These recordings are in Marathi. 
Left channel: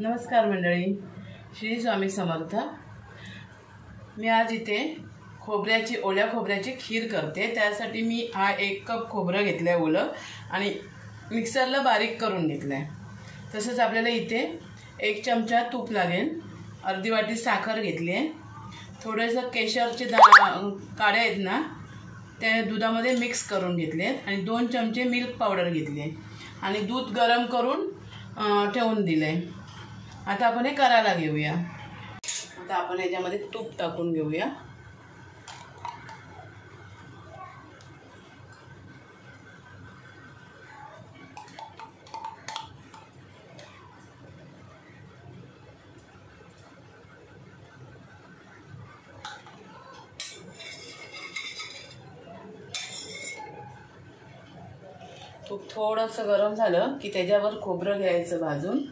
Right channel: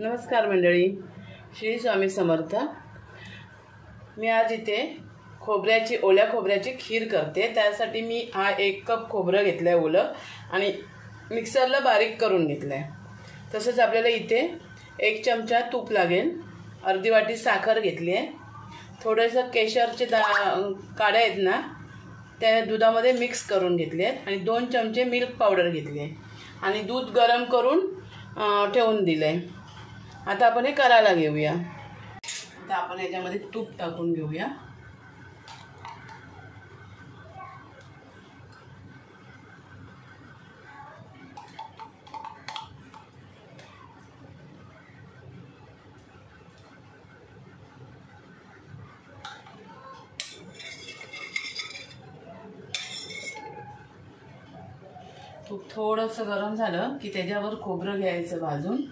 नमस्कार मंडळी, श्री स्वामी समर्थ। मी आज इथे ओल्या खोबऱ्याची खीर करते। त्यासाठी मी 1 कप खोबरं घेतलं आहे ओलं आणि मिक्सरला बारीक करून घेतलं आहे। तसंच आपल्याला इथे 1 चमचा तूप लागेल, अर्धी वाटी साखर घेतली आहे, थोडंसं केशरचे काड्या आहेत ना त्या दुधामध्ये मिक्स करून घेतले आहेत आणि 2 चमचे मिल्क पावडर घेतली आहे आणि दूध गरम करून ठेवून दिलं आहे। आता आपण हे करायला घेऊया। आता आपण याच्यामध्ये तूप टाकून घेऊया। तूप थोडंसं गरम झालं की त्याच्यावर खोबरं घ्यायचं भाजून।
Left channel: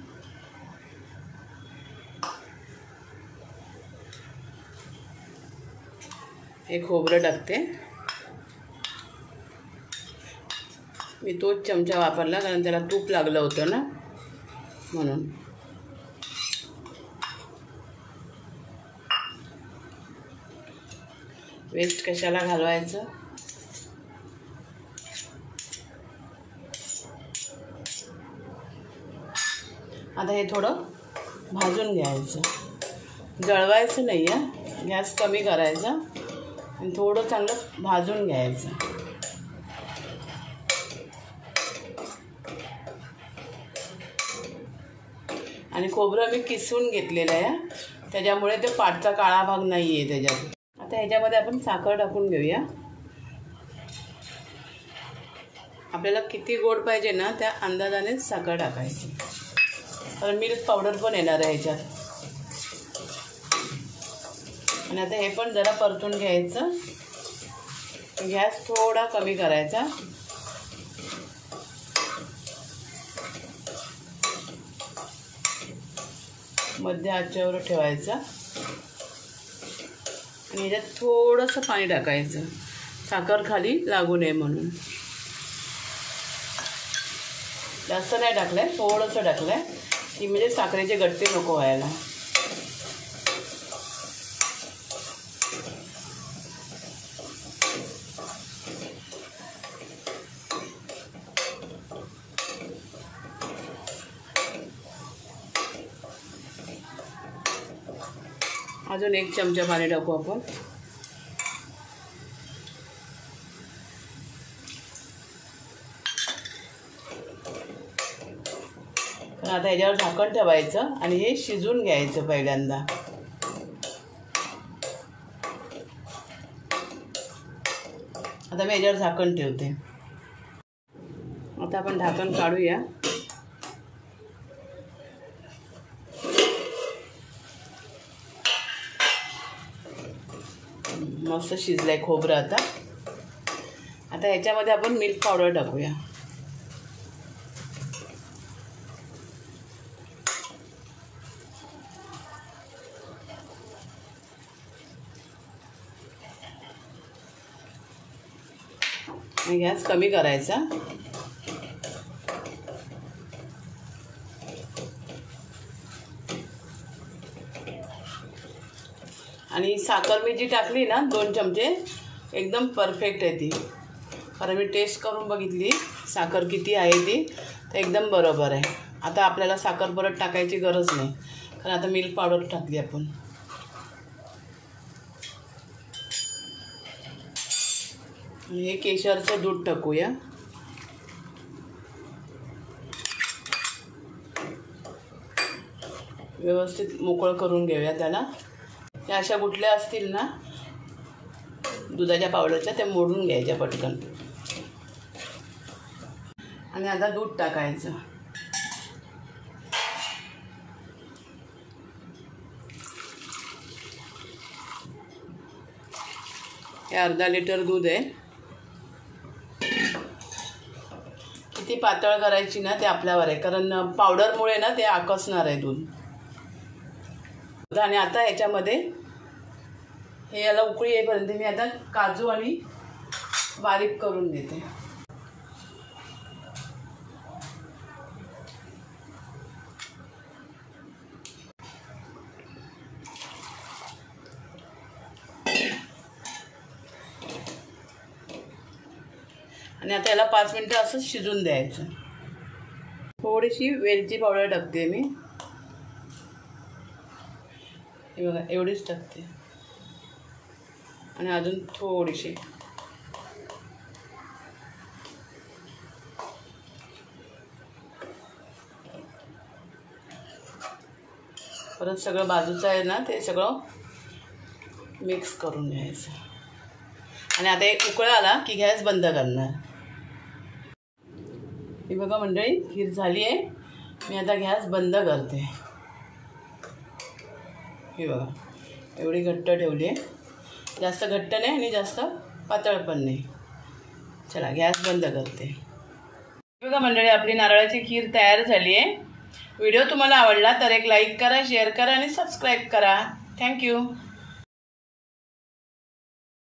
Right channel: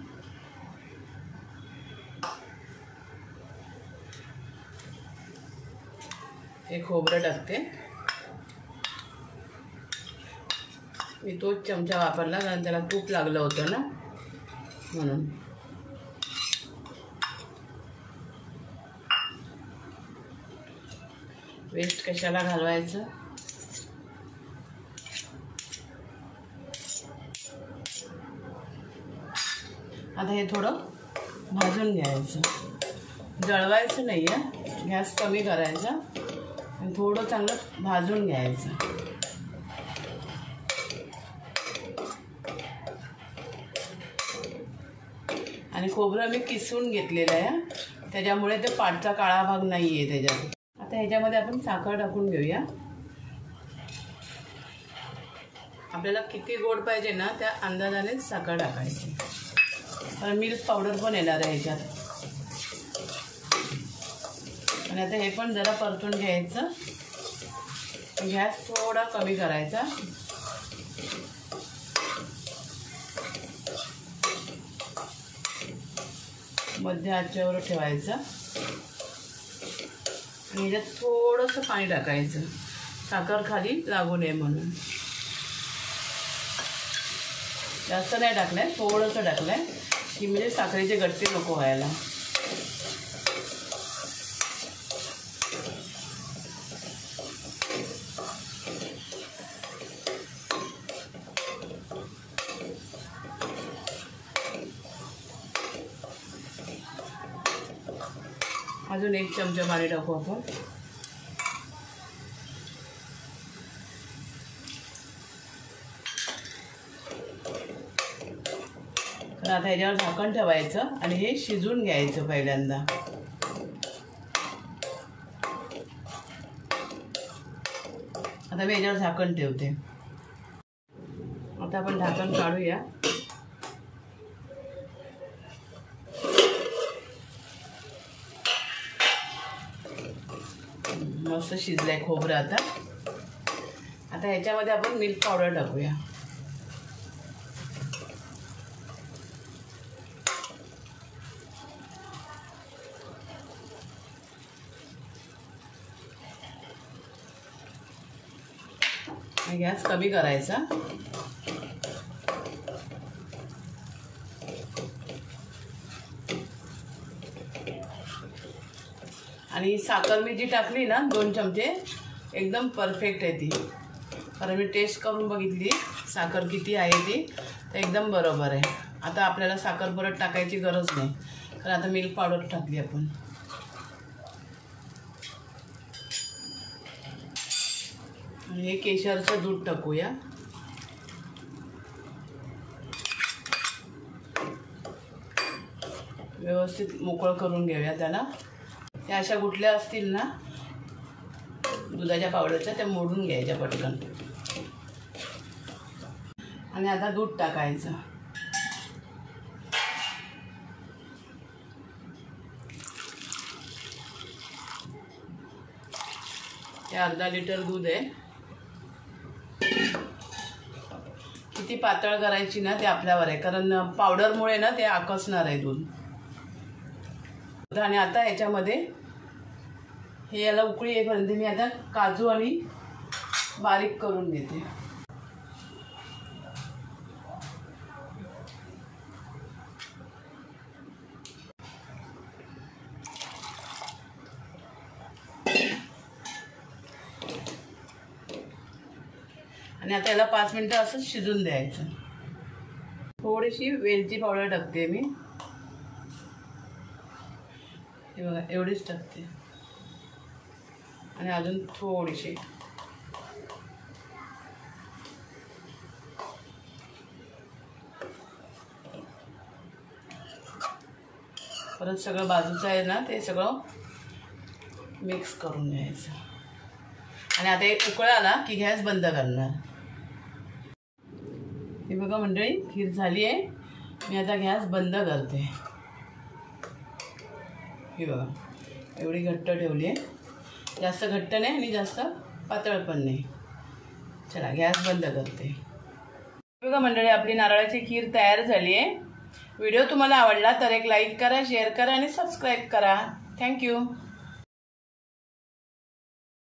हे खोबरं टाकते। मी तोच चमचा वापरला कारण त्याला तूप लागलं होतं ना म्हणून। वेस्ट कशाला घालवायचं। आता हे थोडं भाजून घ्यायचं, जळवायचं नाही आहे, गॅस कमी करायचा आणि थोडं चांगलं भाजून घ्यायचं। आणि खोबरं मी किसून घेतलेलं आहे, त्याच्यामुळे ते पाटचा काळा भाग नाही आहे त्याच्यात। आता ह्याच्यामध्ये आपण साखर टाकून घेऊया। आपल्याला किती गोड पाहिजे ना त्या अंदाजाने साखर टाकायची, कारण मिल्क पावडर पण येणार आहे ह्याच्यात। आणि आता हे पण जरा परतून घ्यायचं, गॅस थोडा कमी करायचा। मध्य आचेवर ठेवायचा आणि याच्यात थोडंसं पाणी टाकायचं, साखर खाली लागू नये म्हणून। जास्त नाही टाकलंय, थोडंसं टाकलंय की म्हणजे साखरेचे गट्टे नको व्हायला। अजून 1 चमचा पाणी टाकू आपण। आता याच्यावर झाकण ठेवायचं आणि हे शिजून घ्यायचं पहिल्यांदा। आता मी याच्यावर झाकण ठेवते। आता आपण झाकण काढूया। मस्त शिजलंय खोबरं। आता ह्याच्यामध्ये आपण मिल्क पावडर टाकूया। गॅस कमी करायचा आणि साखर मी जी टाकली ना 2 चमचे एकदम परफेक्ट आहे ती, कारण मी टेस्ट करून बघितली साखर किती आहे ती, तर एकदम बरोबर आहे। आता आपल्याला साखर परत टाकायची गरज नाही, कारण आता मिल्क पावडर टाकली आपण। आणि हे केशरचं दूध टाकूया। व्यवस्थित मोकळं करून घेऊया त्याला। त्या अशा गुठल्या असतील ना दुधाच्या पावडरच्या त्या मोडून घ्यायच्या पटकन आणि आता दूध टाकायचं। हे अर्धा लिटर दूध आहे। किती पातळ करायची ना ते आपल्यावर आहे, कारण पावडरमुळे ना ते आकसणार आहे दूध। आणि आता ह्याच्यामध्ये हे याला उकळी येईपर्यंत मी आता काजू आणि बारीक करून देते। आणि आता याला 5 मिनिटं असंच शिजून द्यायचं. थोडीशी वेलची पावडर टाकते मी, हे बघा एवढीच टाकते, आणि अजून थोडीशी. परत सगळं बाजूचं आहे ना ते सगळं मिक्स करून घ्यायचं. आणि आता एक उकळ आला की गॅस बंद करणार. हे बघा मंडळी, खीर झाली आहे. मी आता गॅस बंद करते. हे बघा एवढी घट्ट ठेवली आहे, जास्त घट्ट नाही आणि जास्त पातळ पण नाही. चला गॅस बंद करते. बघा मंडळी, आपली नारळाची खीर तयार झाली आहे. व्हिडिओ तुम्हाला आवडला तर एक लाईक करा, शेअर करा आणि सबस्क्राईब करा. थँक्यू.